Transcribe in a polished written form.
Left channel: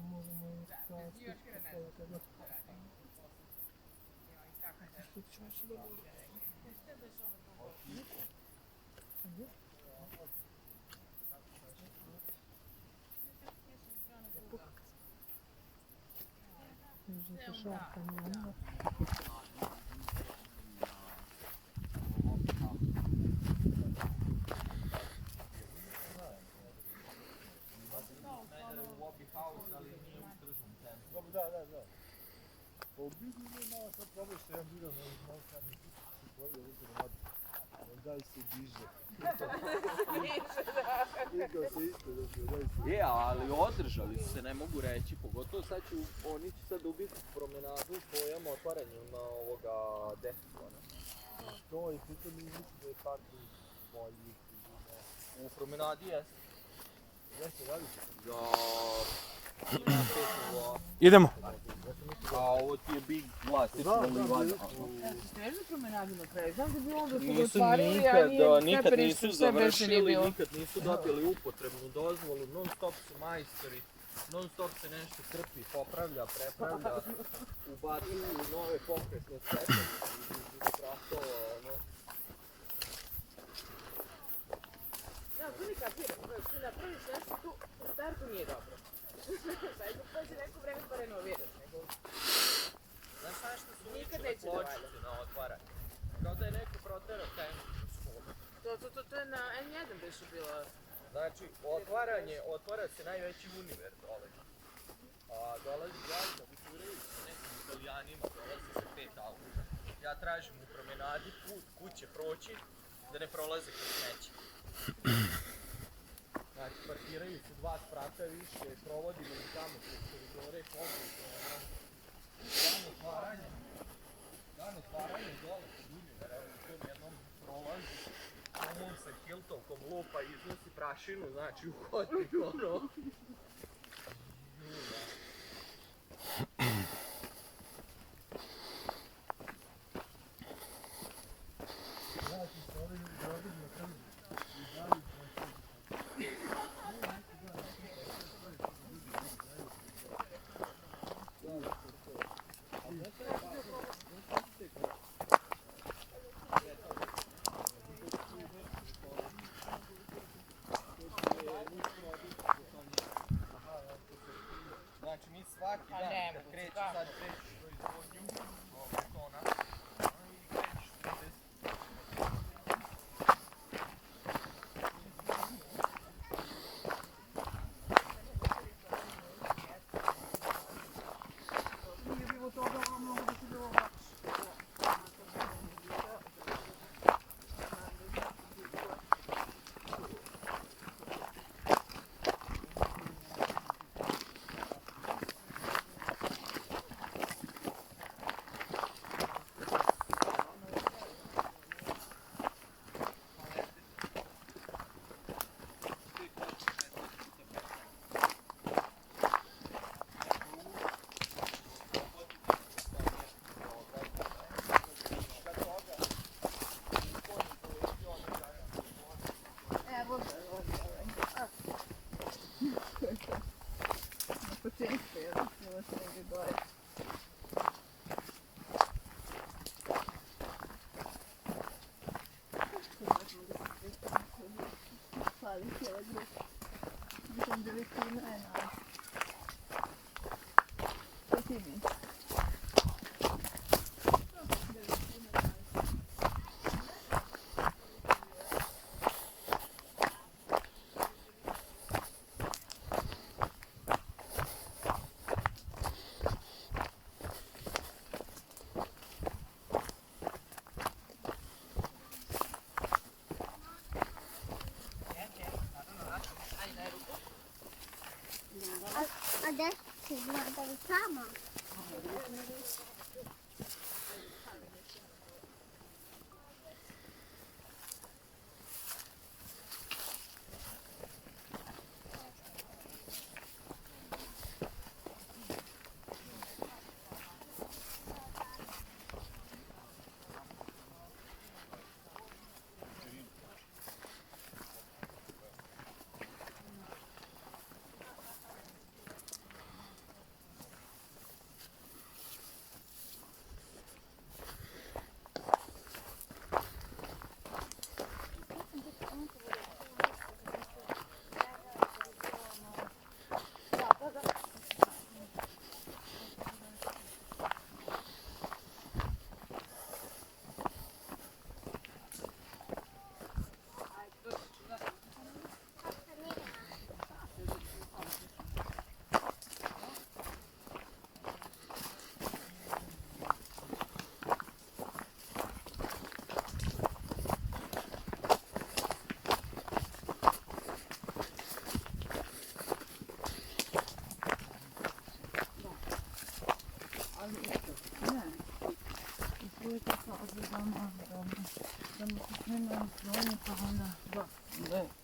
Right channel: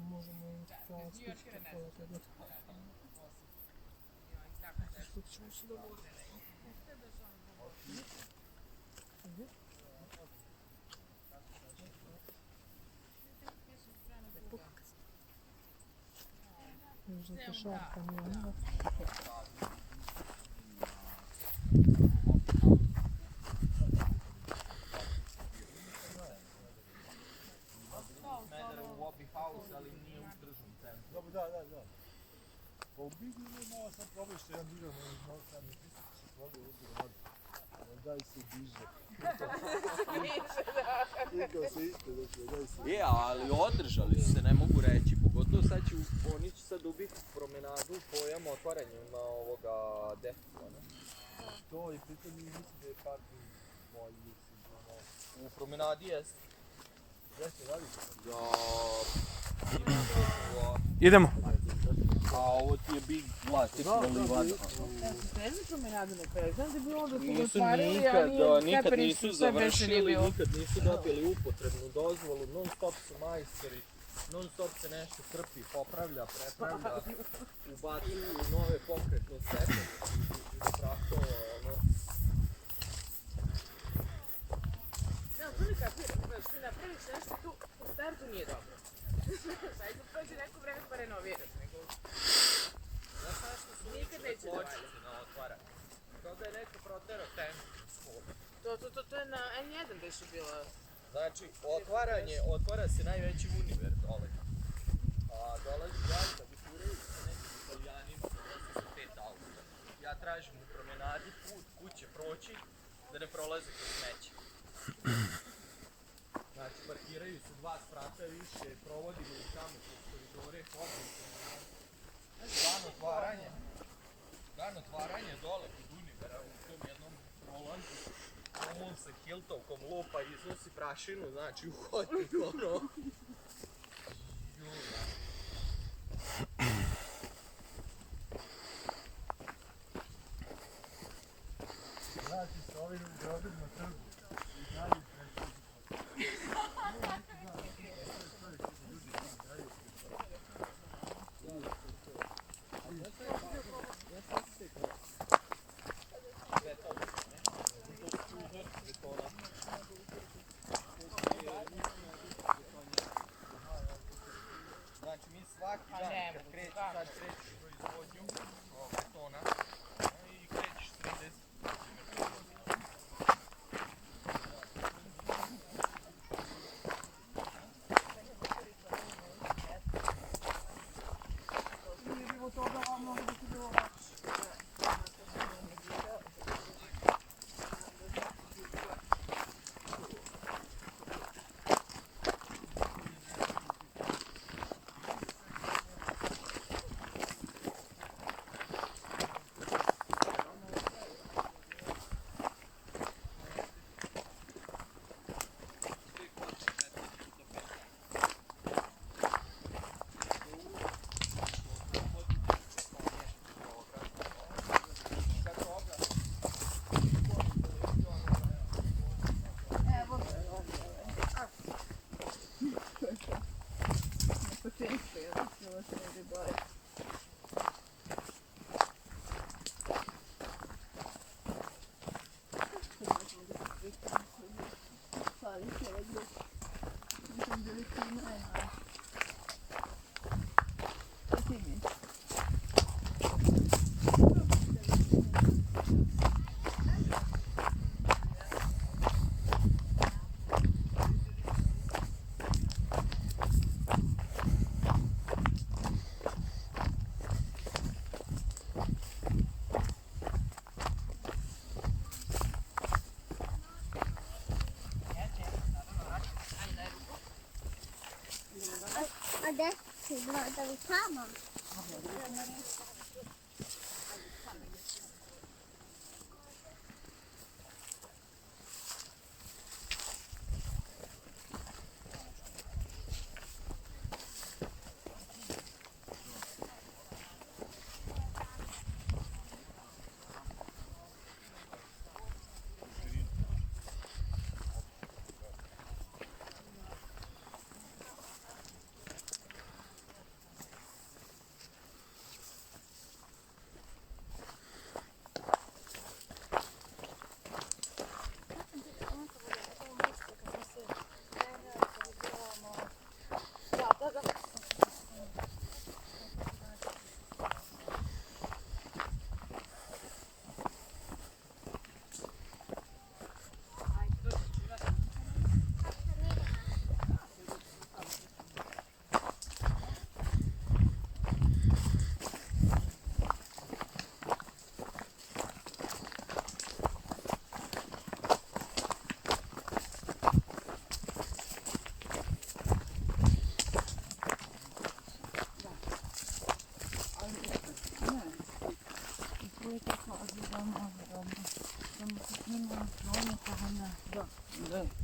možemo i to spustiti pola toga. Spustit ćemo se do vode. Ajde. Uzeti šarpa njena. Da. Pa u biti malo sam probao što jedan video na izmolkani, se probao uvijek da radi. Daj se diže. Nikao se isto da se daj se. Je, ali održali su se, ne mogu reći. Pogotovo sad će, oni će sad ubiti promenadu pojam otvaranju na ovoga Deflona. To i pritom mi mislim da je parking bolji sigurno. U promenadi jeste. Jeste, radi se? Ja... Idemo. A ovo ti je big klasična livada. Ja sam krenuo promenadu na kraju, znam da bi onda su Nisu otvarili, a nikad nisu stepeništa sve beše nije završili, bilo. nikad nisu dobili upotrebnu dozvolu, non stop su majstori, non stop se nešto krpi, popravlja, prepravlja, ubacuju nove pokretne stepenice između spratova, ono. Ne, ali tu ne kapiram, znaš, ti napraviš nešto tu, u startu nije dobro. Sad dok prođe neko vreme pa renoviraš, nego... Znaš što su Nikad ničile neće da valja. pločice na otvaranje? Kao da je neko proterao temu na školu. To je na N1 beše bilo. Znači, otvara se najveći univer dole. A dolazi jajka, buturaju sa nekim italijanima, dolazi sa 5 auta. Ja tražim u promenadi kuće proći, da ne prolaze kroz smeće. Znači, parkiraju se 2 sprata više, provodimo ih tamo kroz koridore, hodimo promenadu. Dan otvaranje dole kod univera u tom jednom prolazu. On sa hiltovkom lupa iznosi prašinu, znači u hodnik, ono. Znači se ovim gradom na trgu. I dalje Znači mi svaki dan kad kreću proizvodnju betona i krećeš 30. Nije bilo toga, a mnogo da ti bilo lakše. Adesso guarda il camo. Tamo, dobro. Tamo se snimam, pa onda, da.